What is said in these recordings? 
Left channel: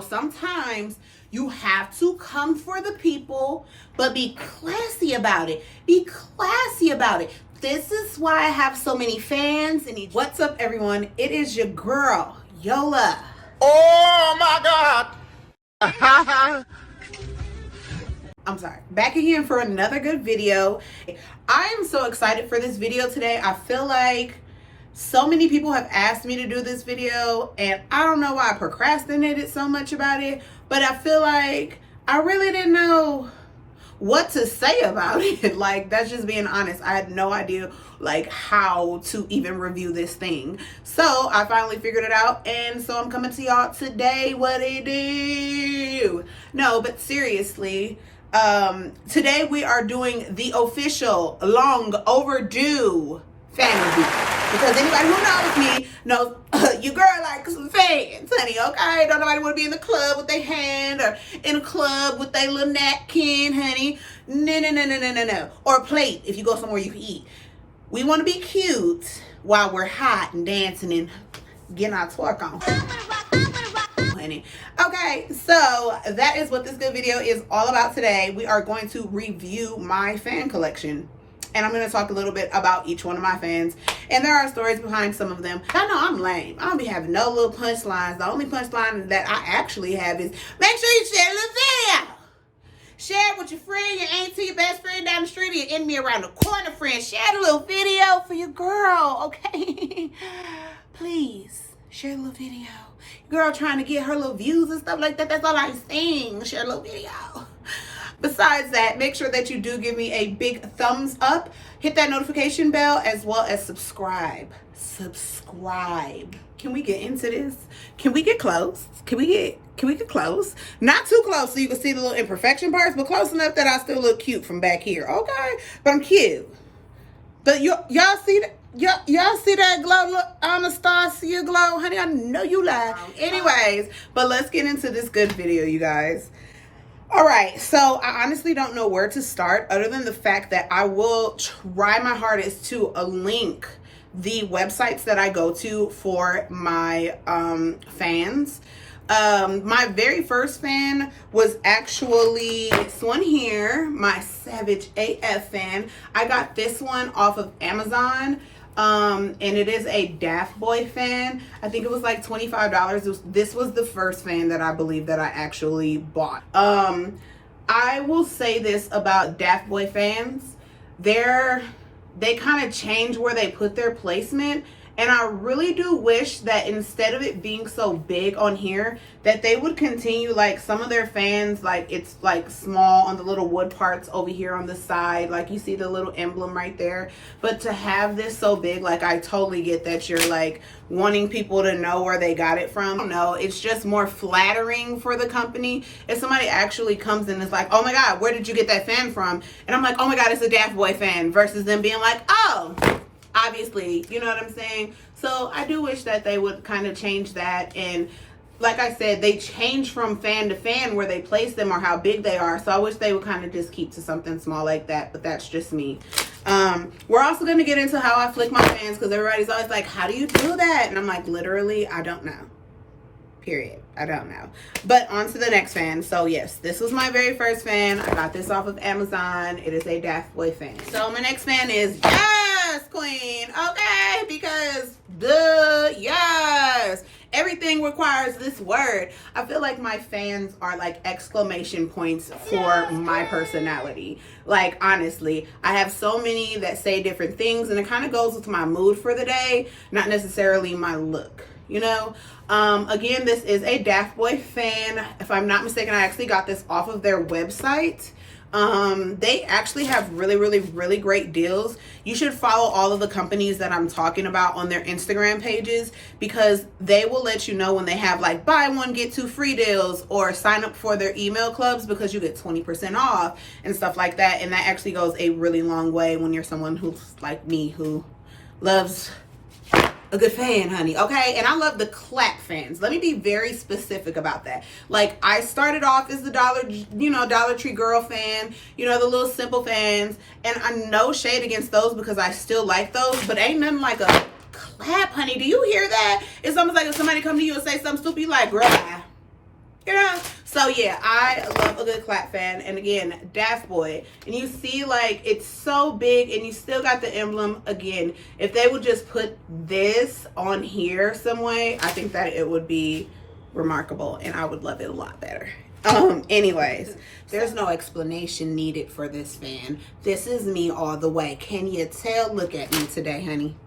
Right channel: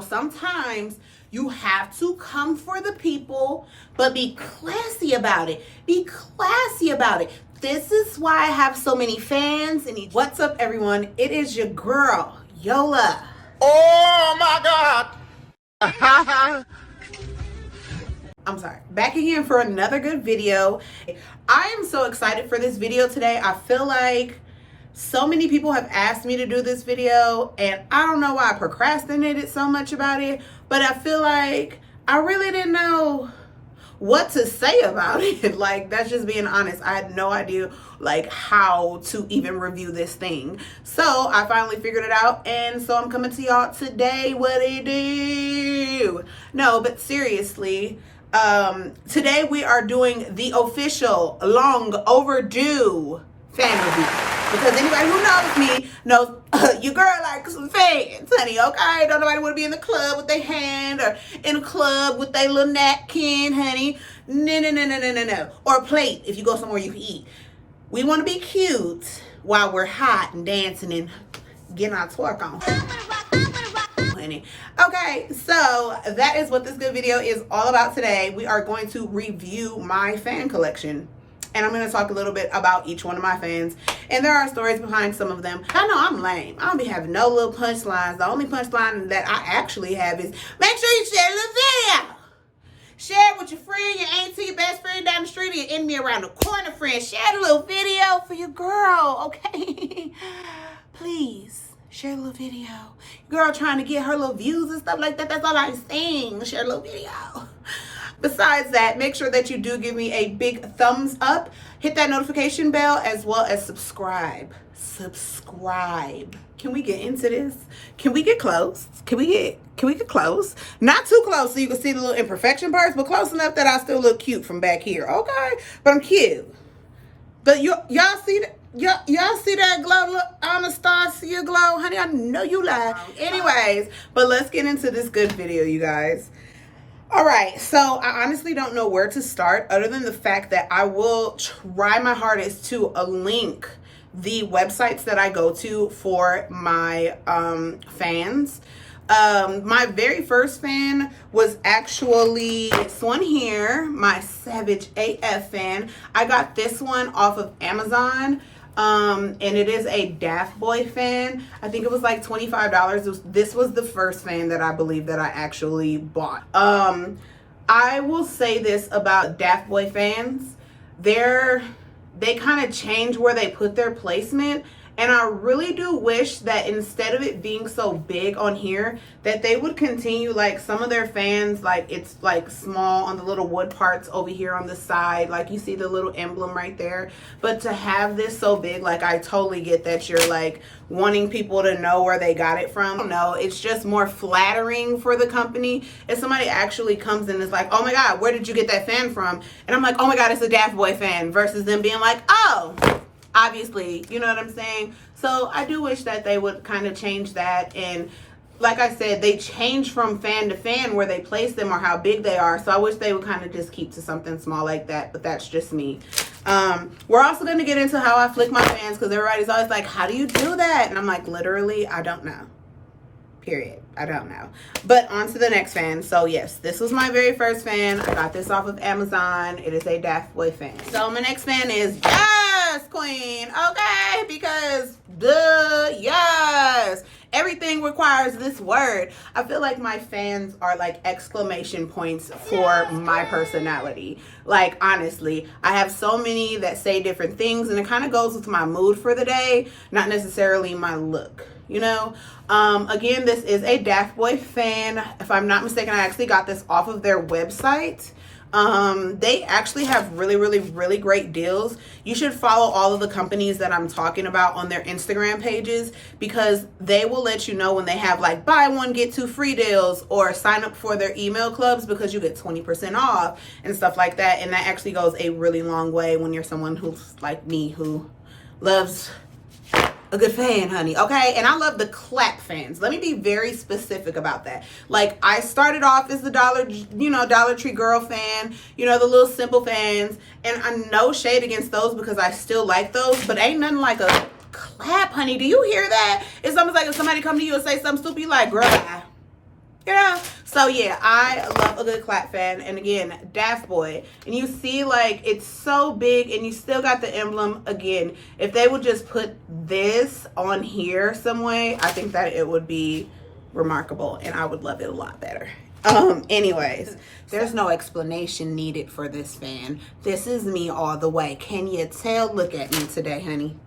Sometimes you have to come for the people, but be classy about it. Be classy about it. This is why I have so many fans. And what's up, everyone? It is your girl, Yola. Oh my God. I'm sorry. Back again for another good video. I am so excited for this video today. I feel like so many people have asked me to do this video, and I don't know why I procrastinated so much about it, but I feel like I really didn't know what to say about it. Like, that's just being honest. I had no idea like how to even review this thing. So I finally figured it out, and so I'm coming to y'all today. What do you do? No, but seriously, today we are doing the official long overdue fan review. Because anybody who knows me knows your girl likes some fans, honey, okay? Don't nobody want to be in the club with their hand or in a club with their little napkin, honey. No. Or a plate if you go somewhere you can eat. We want to be cute while we're hot and dancing and getting our twerk on. Honey. Okay, so that is what this good video is all about today. We are going to review my fan collection. And I'm going to talk a little bit about each one of my fans. And there are stories behind some of them. I know I'm lame. I don't be having no little punchlines. The only punchline that I actually have is, make sure you share a little video. Share it with your friend, your auntie, your best friend down the street, or your enemy around the corner friend. Share the little video for your girl, okay? Please, share a little video. Girl trying to get her little views and stuff like that. That's all I'm saying. Share a little video. Besides that, make sure that you do give me a big thumbs up, hit that notification bell, as well as subscribe. Subscribe. Can we get into this? Can we get close? Can we get close? Not too close so you can see the little imperfection parts, but close enough that I still look cute from back here. Okay? But I'm cute. But y'all see that? Y'all see that glow? Look, Anastasia glow? Honey, I know you lie. Anyways, but let's get into this good video, you guys. All right, so I honestly don't know where to start other than the fact that I will try my hardest to link the websites that I go to for my fans. My very first fan was actually this one here, my Savage AF fan. I got this one off of Amazon. And it is a Daft Boy fan. I think it was like $25. This was the first fan that I believe that I actually bought. I will say this about Daft Boy fans. They kind of change where they put their placement. And I really do wish that instead of it being so big on here, that they would continue, like some of their fans, like it's like small on the little wood parts over here on the side. Like you see the little emblem right there. But to have this so big, like I totally get that you're like wanting people to know where they got it from. No, it's just more flattering for the company. If somebody actually comes in and is like, oh my God, where did you get that fan from? And I'm like, oh my God, it's a Daft Boy fan, versus them being like, oh, obviously, you know what I'm saying? So I do wish that they would kind of change that. And like I said, they change from fan to fan where they place them or how big they are. So I wish they would kind of just keep to something small like that, but that's just me. We're also going to get into how I flick my fans, because everybody's always like, how do you do that? And I'm like, literally, I don't know. Period. I don't know. But on to the next fan. So yes, this was my very first fan. I got this off of Amazon. It is a Daft Boy fan. So my next fan is Yes Queen. Okay, because yes. Everything requires this word. I feel like my fans are like exclamation points for my personality. Like, honestly, I have so many that say different things, and it kind of goes with my mood for the day, not necessarily my look, you know? Again, this is a Daft Boy fan. If I'm not mistaken, I actually got this off of their website. They actually have really great deals. You should follow all of the companies that I'm talking about on their Instagram pages, because they will let you know when they have like buy one get two free deals, or sign up for their email clubs because you get 20% off and stuff like that. And that actually goes a really long way when you're someone who's like me, who loves a good fan, honey. Okay. And I love the clap fans. Let me be very specific about that. Like, I started off as the Dollar Tree girl fan, the little simple fans, and I no shade against those because I still like those, but ain't nothing like a clap, honey. Do you hear that? It's almost like if somebody come to you and say something stupid, you like, girl, Yeah. So yeah, I love a good clap fan. And again, Daft Boy. And you see, like, it's so big and you still got the emblem. Again, if they would just put this on here some way, I think that it would be remarkable and I would love it a lot better. Anyways, there's no explanation needed for this fan. This is me all the way. Can you tell? Look at me today, honey.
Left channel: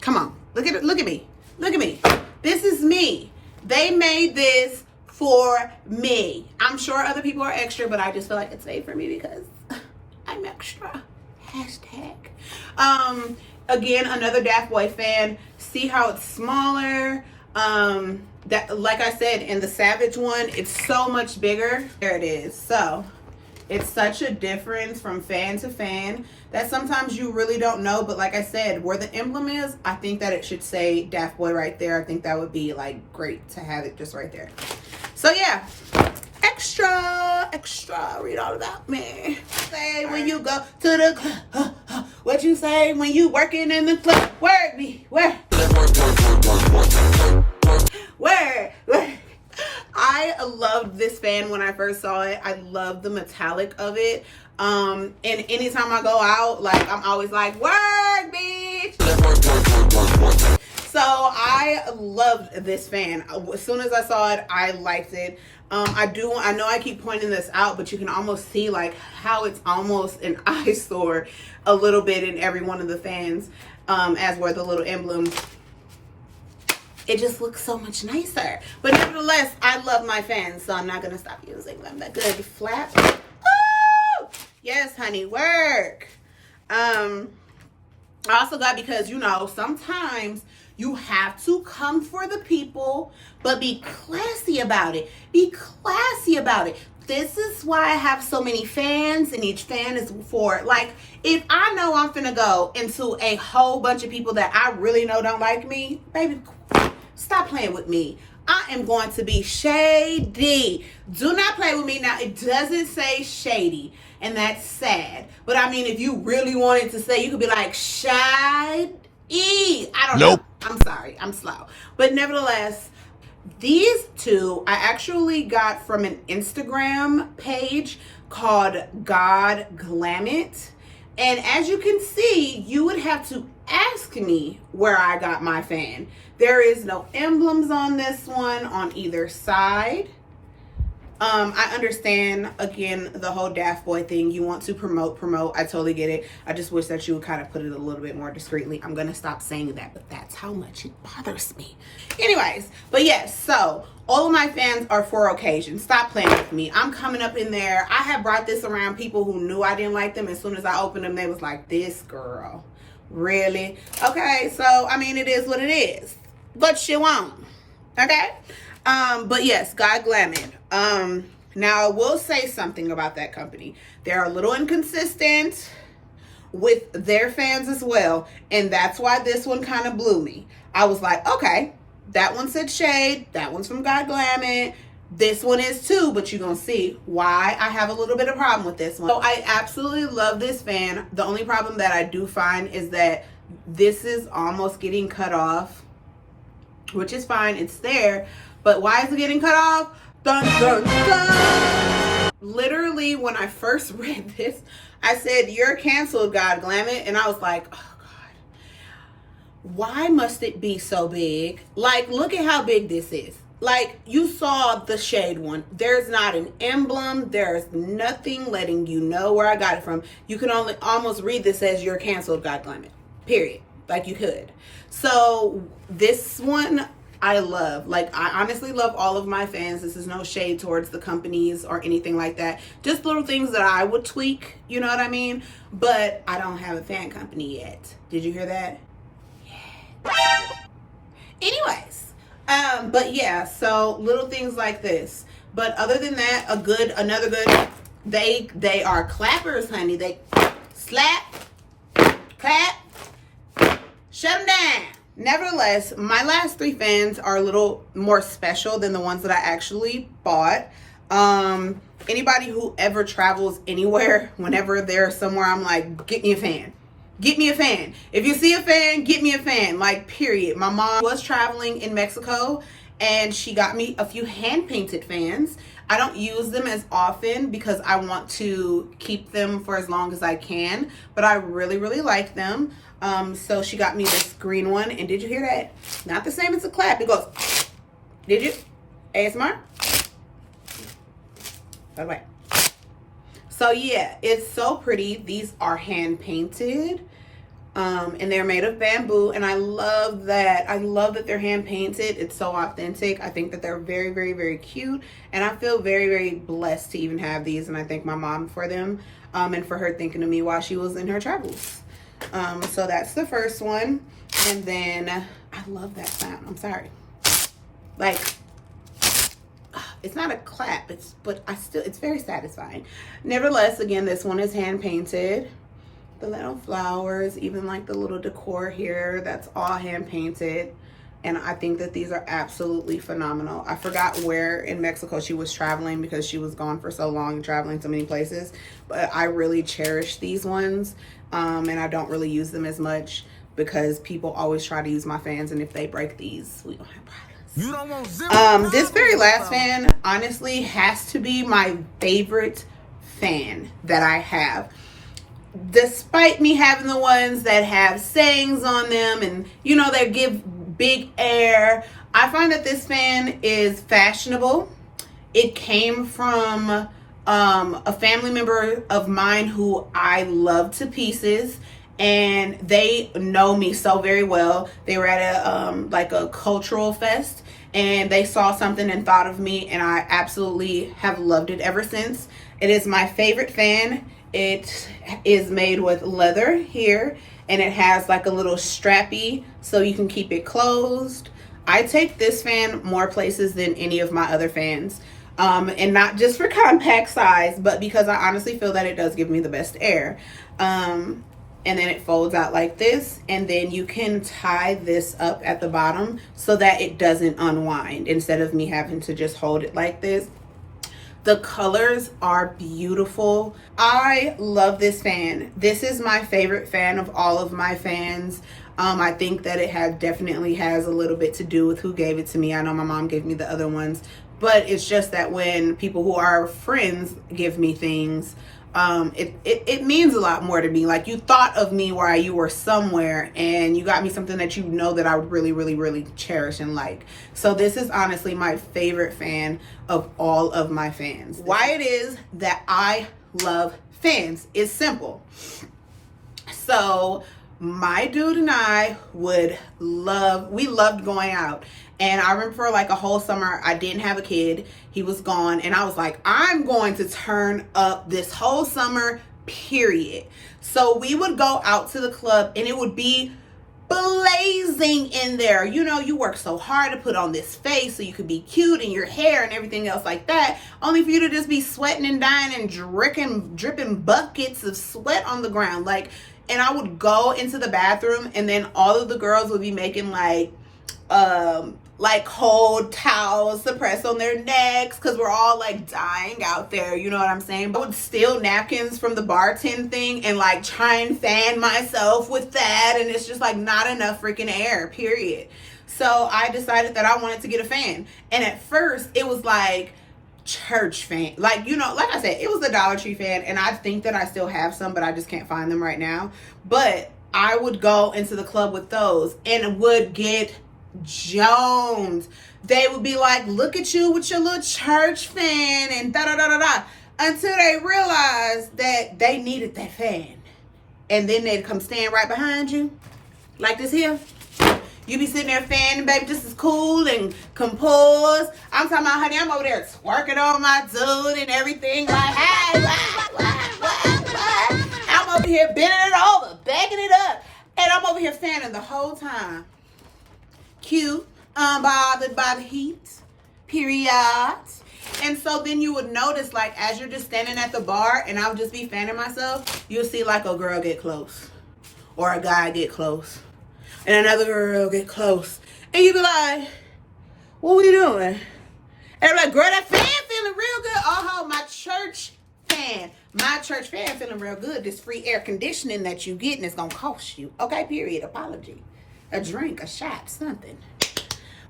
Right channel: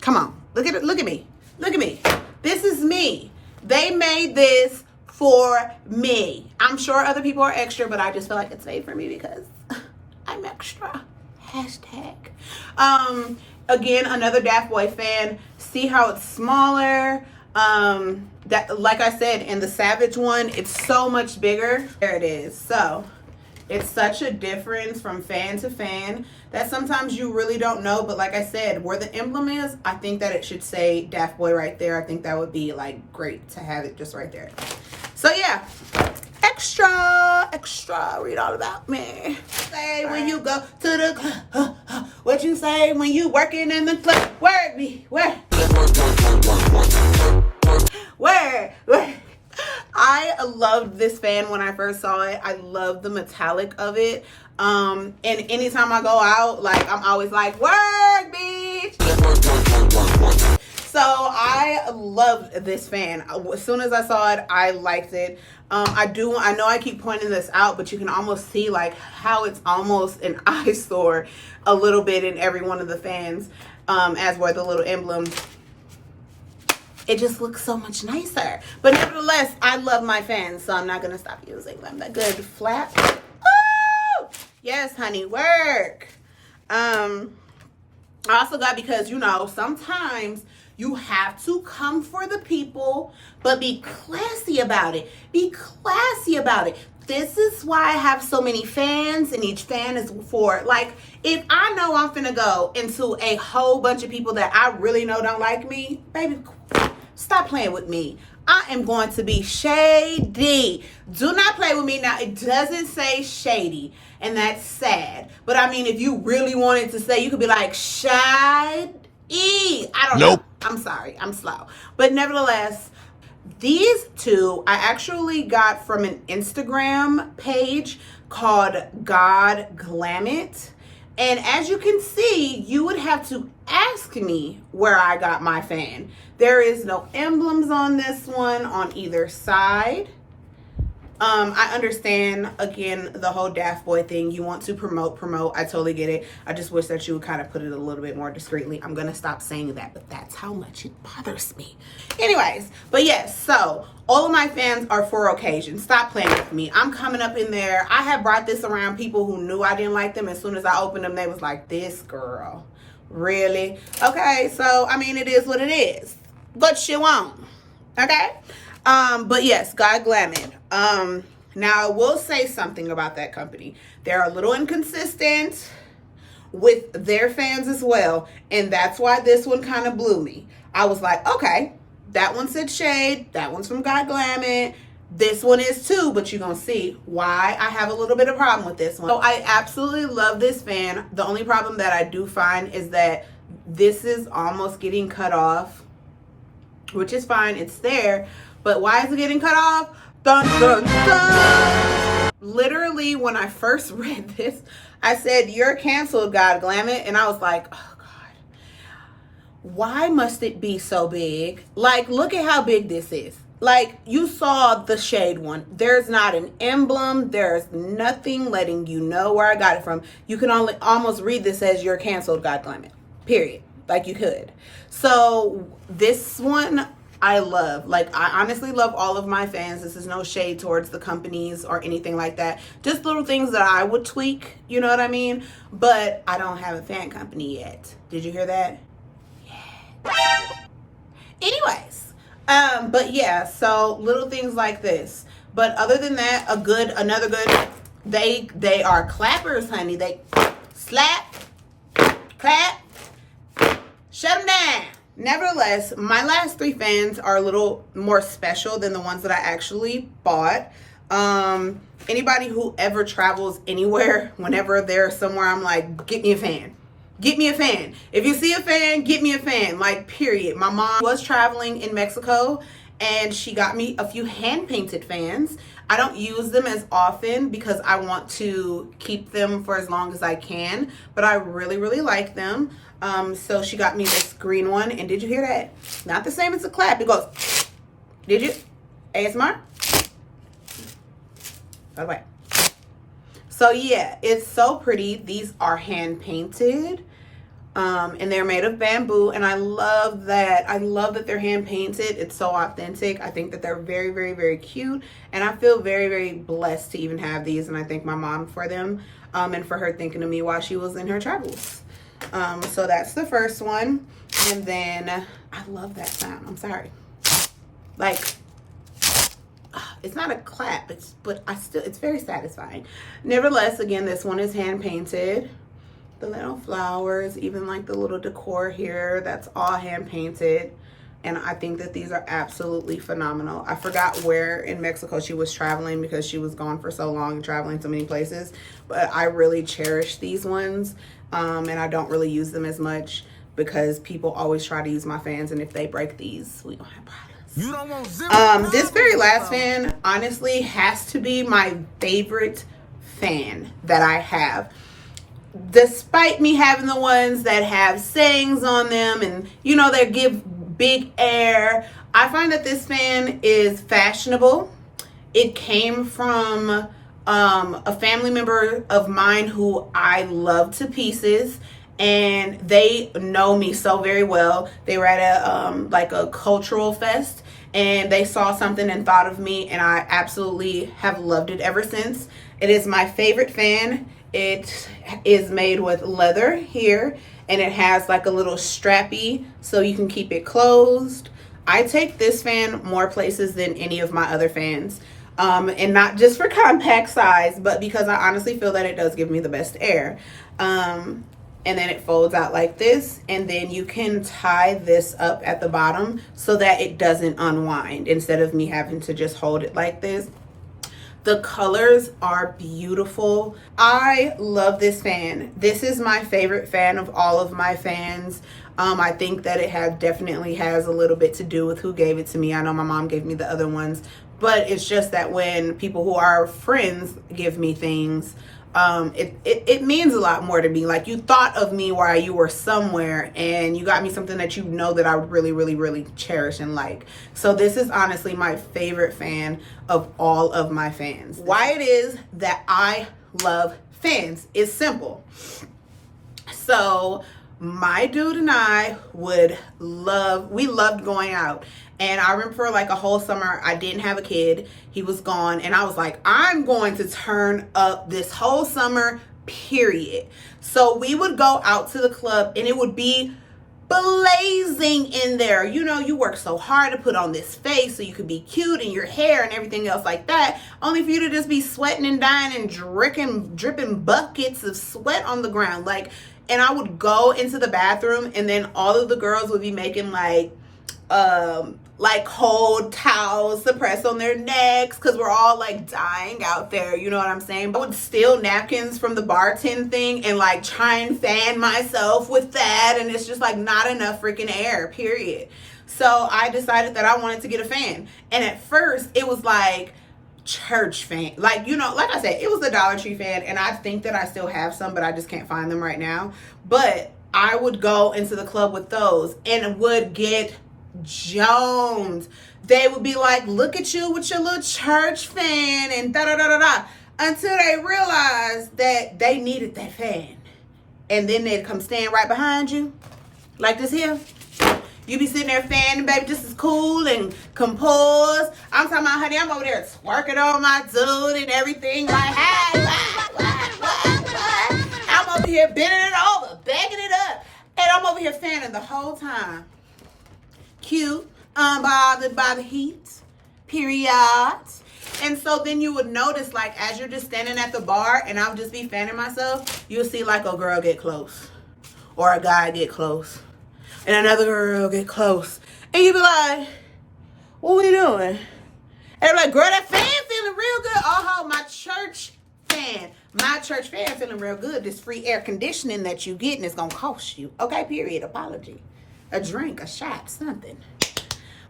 Come on. Look at it. Look at me. Look at me. This is me. They made this for me. I'm sure other people are extra, but I just feel like it's made for me because I'm extra. Hashtag. Again, another Daft Boy fan. See how it's smaller. That, like I said, in the Savage one, it's so much bigger. There it is. So it's such a difference from fan to fan that sometimes you really don't know. But like I said, where the emblem is, I think that it should say Daft Boy right there. I think that would be like great to have it just right there. So yeah, extra, read all about me. Say when you go to the club, what you say when you working in the club? Word me, where? I loved this fan when I first saw it. I love the metallic of it. And anytime I go out, like, I'm always like, work, bitch. So I loved this fan. As soon as I saw it, I liked it. I know I keep pointing this out, but you can almost see like how it's almost an eyesore a little bit in every one of the fans, as were the little emblems. It just looks so much nicer. But nevertheless, I love my fans, so I'm not going to stop using them. That good flap. Ooh! Yes, honey, work. I also got, because, you know, sometimes you have to come for the people, but be classy about it. Be classy about it. This is why I have so many fans, and each fan is for, like, if I know I'm finna go into a whole bunch of people that I really know don't like me, baby, stop playing with me. I am going to be shady. Do not play with me. Now, it doesn't say shady, and that's sad. But I mean, if you really wanted to say, you could be like, shady. I don't know. I'm sorry. I'm slow. But nevertheless, these two I actually got from an Instagram page called God Glam It. And as you can see, you would have to ask me where I got my fan. There is no emblems on this one on either side. I understand, again, the whole Daft Boy thing. You want to promote. I totally get it. I just wish that you would kind of put it a little bit more discreetly. I'm going to stop saying that, but that's how much it bothers me. Anyways, but yes, so all of my fans are for occasions. Stop playing with me. I'm coming up in there. I have brought this around people who knew I didn't like them. As soon as I opened them, they was like, this girl, really? Okay, so, I mean, it is what it is. But you won't. Okay? But yes, God Glam It. Now I will say something about that company. They're a little inconsistent with their fans as well. And that's why this one kind of blew me. I was like, okay, that one said shade. That one's from God Glam It. This one is too, but you're going to see why I have a little bit of problem with this one. So I absolutely love this fan. The only problem that I do find is that this is almost getting cut off, which is fine. It's there. But why is it getting cut off? Dun, dun, dun. Literally, when I first read this, I said, you're canceled, God Glam It. And I was like, oh, God. Why must it be so big? Like, look at how big this is. Like, you saw the shade one. There's not an emblem. There's nothing letting you know where I got it from. You can only almost read this as you're canceled, God Glam It. Period. Like, you could. So, this one I love. Like, I honestly love all of my fans. This is no shade towards the companies or anything like that. Just little things that I would tweak, you know what I mean? But I don't have a fan company yet. Did you hear that? Yeah. Anyways, but yeah, so little things like this. But other than that, another good, they are clappers, honey. They slap, clap, shut them down. Nevertheless, my last three fans are a little more special than the ones that I actually bought. Anybody who ever travels anywhere, whenever they're somewhere, I'm like, get me a fan. Get me a fan. If you see a fan, get me a fan. Like, period. My mom was traveling in Mexico, and she got me a few hand painted fans. I don't use them as often because I want to keep them for as long as I can, but I really, really like them. So she got me this green one, and did you hear that? Not the same as a clap. It goes, did you? ASMR? By the way. So yeah, it's so pretty. These are hand painted. And they're made of bamboo, and I love that. I love that they're hand painted. It's so authentic. I think that they're very, very, very cute, and I feel very, very blessed to even have these, and I thank my mom for them, and for her thinking of me while she was in her travels. So that's the first one. And then I love that sound. I'm sorry. Like, it's not a clap, but it's very satisfying. Nevertheless, again, this one is hand painted. The little flowers, even like the little decor here, that's all hand painted. And I think that these are absolutely phenomenal. I forgot where in Mexico she was traveling because she was gone for so long and traveling so many places. But I really cherish these ones. And I don't really use them as much because people always try to use my fans. And if they break these, we don't have problems. You don't want zero This very last fan honestly has to be my favorite fan that I have. Despite me having the ones that have sayings on them and, you know, they give big air, I find that this fan is fashionable. It came from a family member of mine who I love to pieces, and they know me so very well. They were at a like a cultural fest, and they saw something and thought of me, and I absolutely have loved it ever since. It is my favorite fan. It is made with leather here, and it has like a little strappy so you can keep it closed. I take this fan more places than any of my other fans. And not just for compact size, but because I honestly feel that it does give me the best air. And then it folds out like this, and then you can tie this up at the bottom so that it doesn't unwind instead of me having to just hold it like this. The colors are beautiful. I love this fan. This is my favorite fan of all of my fans. I think that it definitely has a little bit to do with who gave it to me. I know my mom gave me the other ones, but it's just that when people who are friends give me things, it means a lot more to me. Like, you thought of me while you were somewhere, and you got me something that you know that I would really, really, really cherish and like. So this is honestly my favorite fan of all of my fans. Why it is that I love fans is simple. So my dude and I we loved going out. And I remember for like a whole summer, I didn't have a kid. He was gone. And I was like, I'm going to turn up this whole summer, period. So we would go out to the club, and it would be blazing in there. You know, you work so hard to put on this face so you could be cute, and your hair and everything else like that, only for you to just be sweating and dying and dripping buckets of sweat on the ground. Like, and I would go into the bathroom, and then all of the girls would be making like cold towels to press on their necks because we're all like dying out there, you know what I'm saying? I would steal napkins from the bartend thing and like try and fan myself with that, and it's just like not enough freaking air, period. So I decided that I wanted to get a fan, and at first it was like church fan, like, you know, like I said, it was a Dollar Tree fan, and I think that I still have some, but I just can't find them right now. But I would go into the club with those and would get Jones. They would be like, look at you with your little church fan and da da da da da, until they realized that they needed that fan, and then they'd come stand right behind you like this here. You be sitting there fanning, baby, just as cool and composed. I'm talking about, honey, I'm over there twerking on my dude and everything, like, hey, what? I'm over here bending it over, backing it up, and I'm over here fanning the whole time. Cute, unbothered by the heat, period. And so then you would notice, like, as you're just standing at the bar and I'll just be fanning myself, you'll see like a girl get close or a guy get close and another girl get close, and you be like, what are you doing? And I'm like, girl, that fan feeling real good. Oh, my church fan feeling real good. This free air conditioning that you getting is gonna cost you, okay, period. Apology, a drink, a shot, something.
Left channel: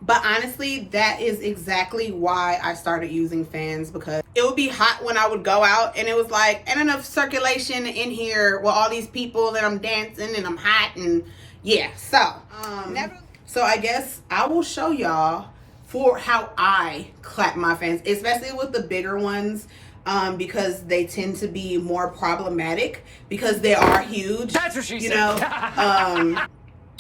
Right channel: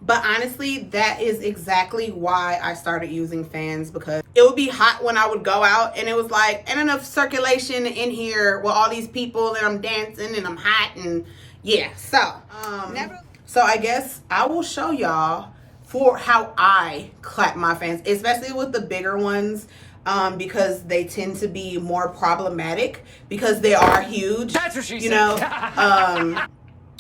But honestly, that is exactly why I started using fans, because it would be hot when I would go out and it was like, ain't enough circulation in here with all these people and I'm dancing and I'm hot and yeah. So I guess I will show y'all for how I clap my fans, especially with the bigger ones, because they tend to be more problematic because they are huge. That's what she said. You know,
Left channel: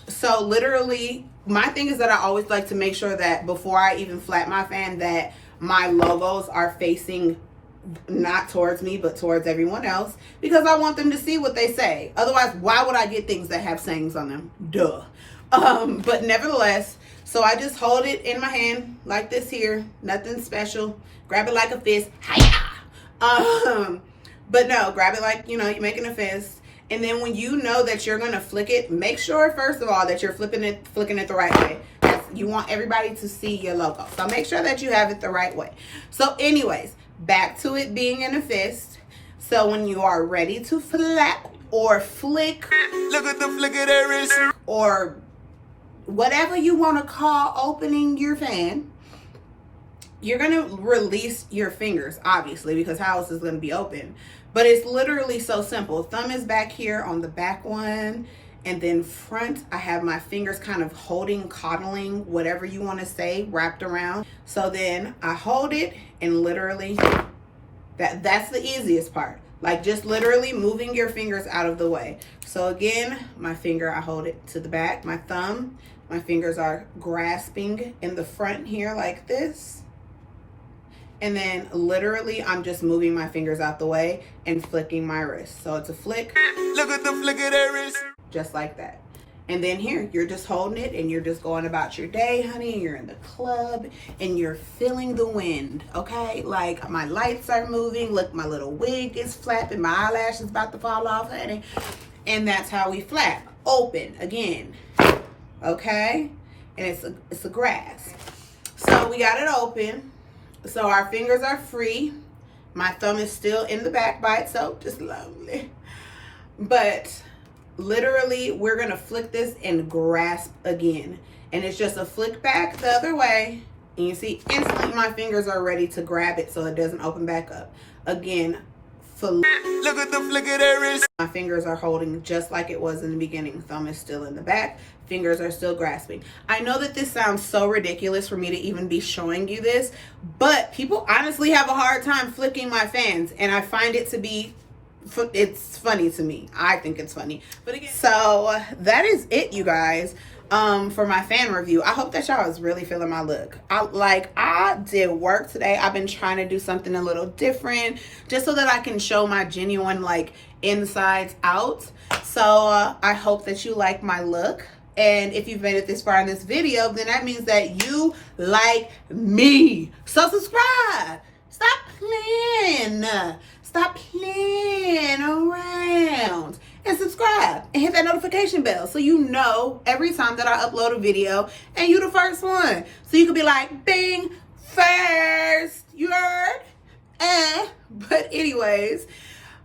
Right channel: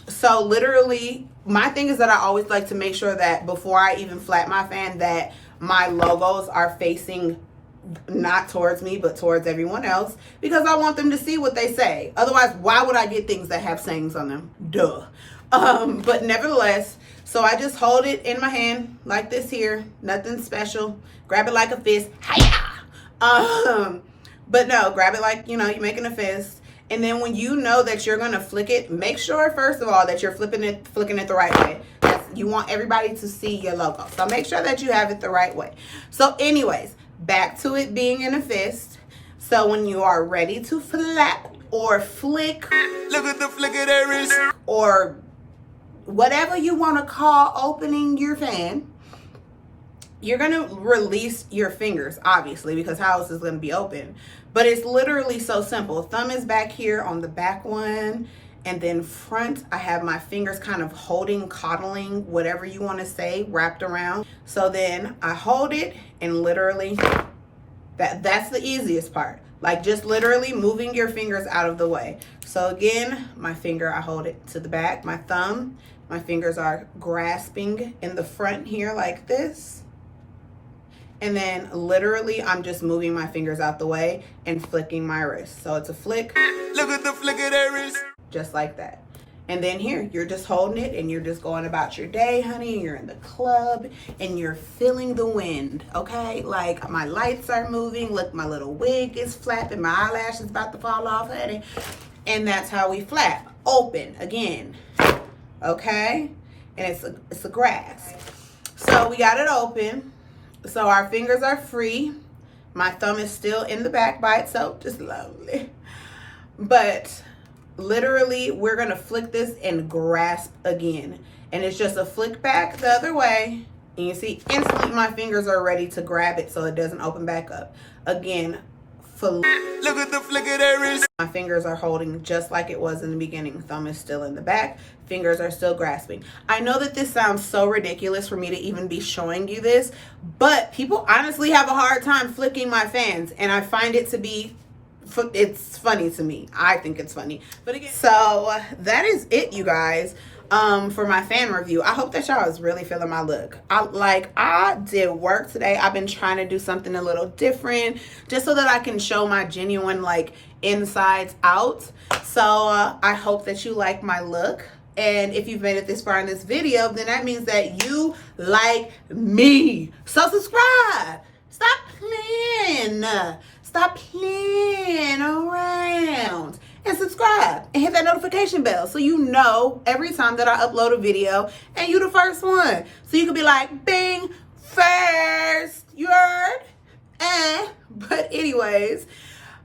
so literally, my thing is that I always like to make sure that before I even flap my fan, that my logos are facing not towards me, but towards everyone else, because I want them to see what they say. Otherwise, why would I get things that have sayings on them? Duh. But nevertheless, so I just hold it in my hand like this here, nothing special. Grab it like a fist. Hiya! But no, grab it like, you know, you're making a fist. And then when you know that you're gonna flick it, make sure first of all that you're flicking it the right way. You want everybody to see your logo, so make sure that you have it the right way. So anyways, back to it being in a fist. So when you are ready to flap or flick, Look at the flick of their wrist. or whatever you want to call opening your fan, you're going to release your fingers, obviously, because how else is going to be open? But it's literally so simple. Thumb is back here on the back one, and then front, I have my fingers kind of holding, coddling, whatever you want to say, wrapped around. So then I hold it and literally, that's the easiest part. Like just literally moving your fingers out of the way. So again, my finger, I hold it to the back. My thumb, my fingers are grasping in the front here like this. And then literally I'm just moving my fingers out the way and flicking my wrist. So it's a flick. Look at the flick of their wrist. Just like that. And then here, you're just holding it and you're just going about your day, honey. And you're in the club and you're feeling the wind, okay? Like my lights are moving. Look, my little wig is flapping. My eyelash is about to fall off, honey. And that's how we flap. Open again, okay? And it's a grasp. So we got it open. So our fingers are free. My thumb is still in the back by itself, just lovely. But literally, we're gonna flick this and grasp again. And it's just a flick back the other way. And you see, instantly my fingers are ready to grab it so it doesn't open back up. Again, Look at the flick of their wrist. my fingers are holding just like it was in the beginning. Thumb is still in the back. Fingers are still grasping. I know that this sounds so ridiculous for me to even be showing you this, but people honestly have a hard time flicking my fans, and I find it to be, it's funny to me. I think it's funny. But again, so that is it, you guys. For my fan review. I hope that y'all is really feeling my look. I did work today. I've been trying to do something a little different just so that I can show my genuine like insides out. So I hope that you like my look. And if you've made it this far in this video, then that means that you like me. So subscribe. Stop playing. Stop playing around. And subscribe and hit that notification bell so you know every time that I upload a video and you the first one. So you can be like, bing, first. You heard? But anyways,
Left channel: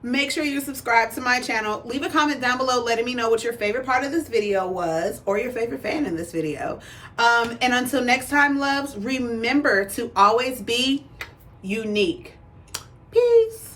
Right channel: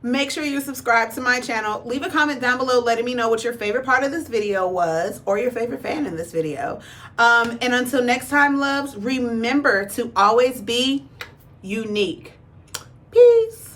make sure you subscribe to my channel. Leave a comment down below letting me know what your favorite part of this video was or your favorite fan in this video. And until next time, loves, remember to always be unique. Peace.